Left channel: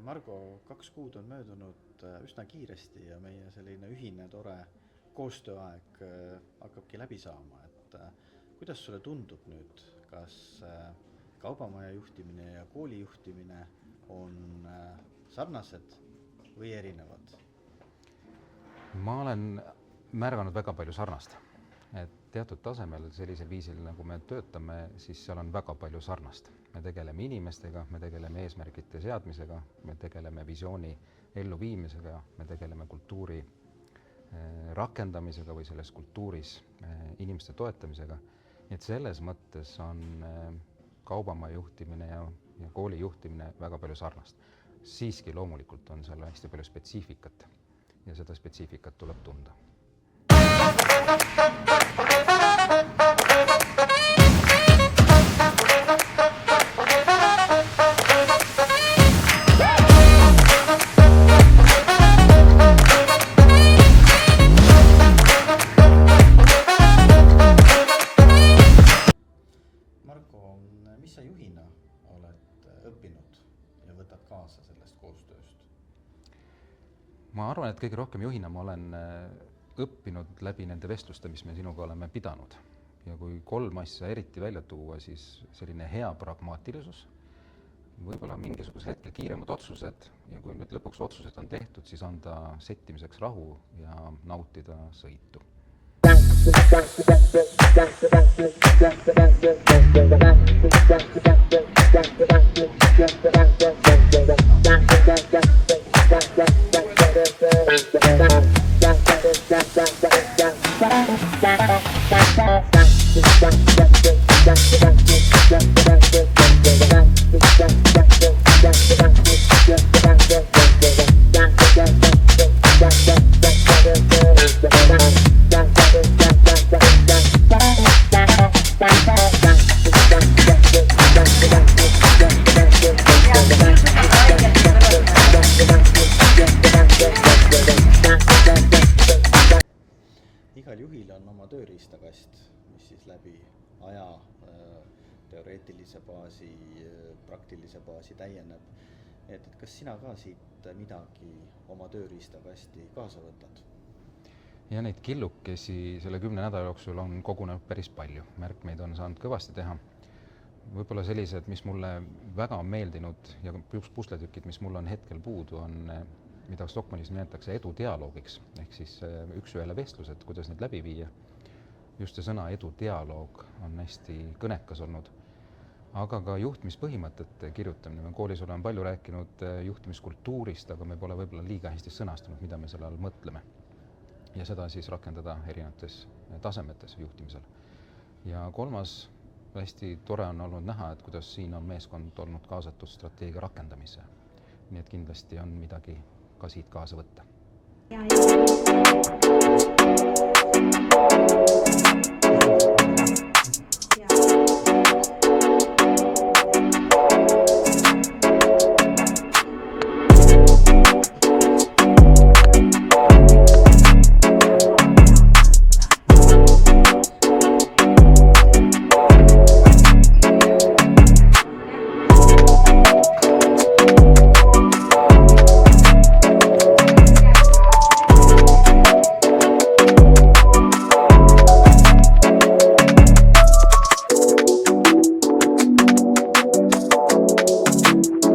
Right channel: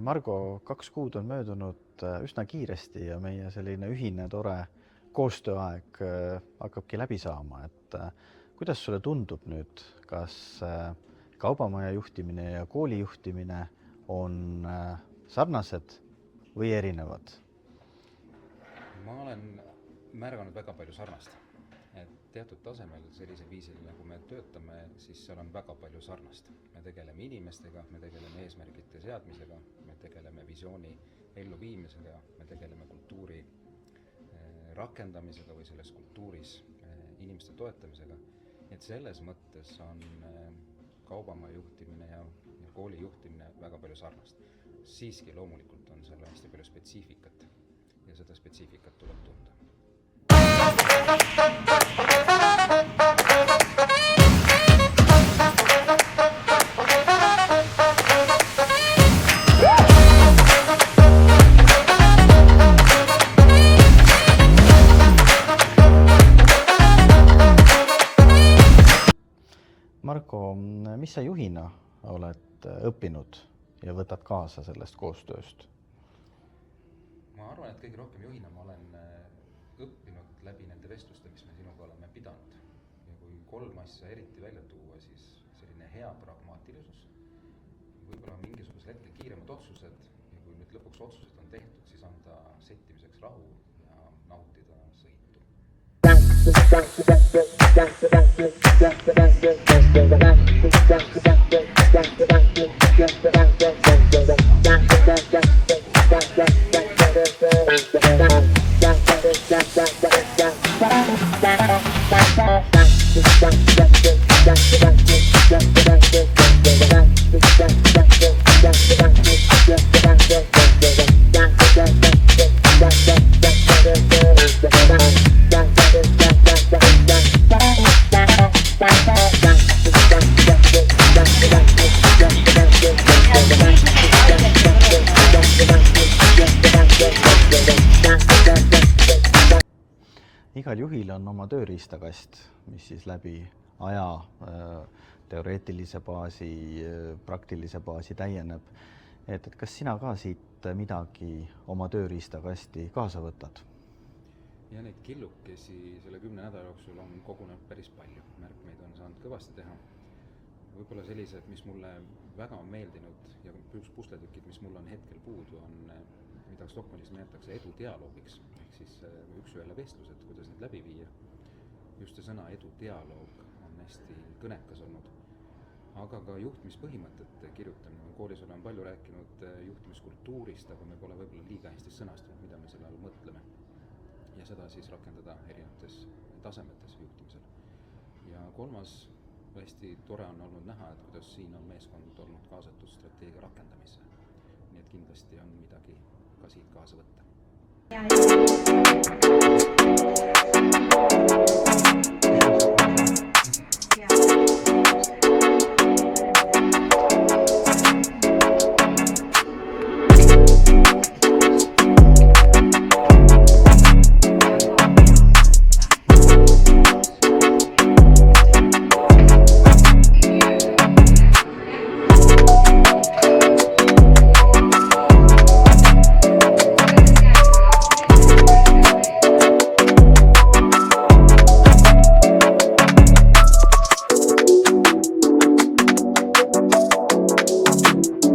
Margo, 2 kuud on möödunud üsna kiiresti ja meie selline ühine tore koostööaeg hakkabki läbi saama. Kuidas sulle tundub nüüd, kas kaubamaja juhtimine ja kooli juhtimine on sarnased või erinevad? Ma olen märganud väga palju sarnast. Teatud tasemel sellisel viisil, nagu me töötame, siis seal on väga palju sarnast. Me tegeleme inimestega, me tegeleme eesmärgite seadmisega, me tegeleme visiooni elluviimisega, me tegeleme kultuuri rakendamisega või selles kultuuris inimeste toetamisega. Nii et selles mõttes on kaubamaja juhtimine ja kooli juhtimine väga palju sarnast. Siiski loomulikult on seal hästi palju spetsiifikat ja seda spetsiifikat tuleb tunda. Marko, mis sa juhina oled õppinud ja võtad kaasa sellest koostööst? Ma arvan, et kõige rohkem juhina ma olen õppinud läbi nende vestluste, mis me sinuga oleme pidanud. Ja kui 3 asja eriti välja tuua, siis selline hea pragmaatilisus, võib-olla mingisugused hetkel kiiremad otsused ja kui nüüd lõpuks otsused on tehtud, siis anda settimiseks rahu ja nautida sõitu. Igal juhil on oma tööriistakast, mis siis läbi aja teoreetilise baasi, praktilise baasi täieneb. Kas sina ka siit midagi oma tööriistakasti kaasa võtad? Ja neid killukesi selle 10 nädala jooksul on kogunenud päris palju. Märkmeid on saanud kõvasti teha. Võib-olla sellised, mis mulle väga on meeldinud ja pusletükid, mis mulle on hetkel puudu, on mida Stockmannis nimetatakse edudialoogiks, ehk siis üks-ühele vestlused, kuidas need läbi viia. Just see sõna edudialoog on hästi kõnekas olnud, aga ka juhtimispõhimõtete kirjutamine. Me koolis oleme palju rääkinud juhtimiskultuurist, aga me pole võib-olla liiga hästi sõnastanud, mida me selle all mõtleme. Ja seda siis rakendada erinevates tasemetes juhtimisel. Ja 3. hästi tore on olnud näha, et kuidas siin on meeskond olnud kaasatud strateegia rakendamisse. Nii et kindlasti on midagi ka siit kaasa võtta.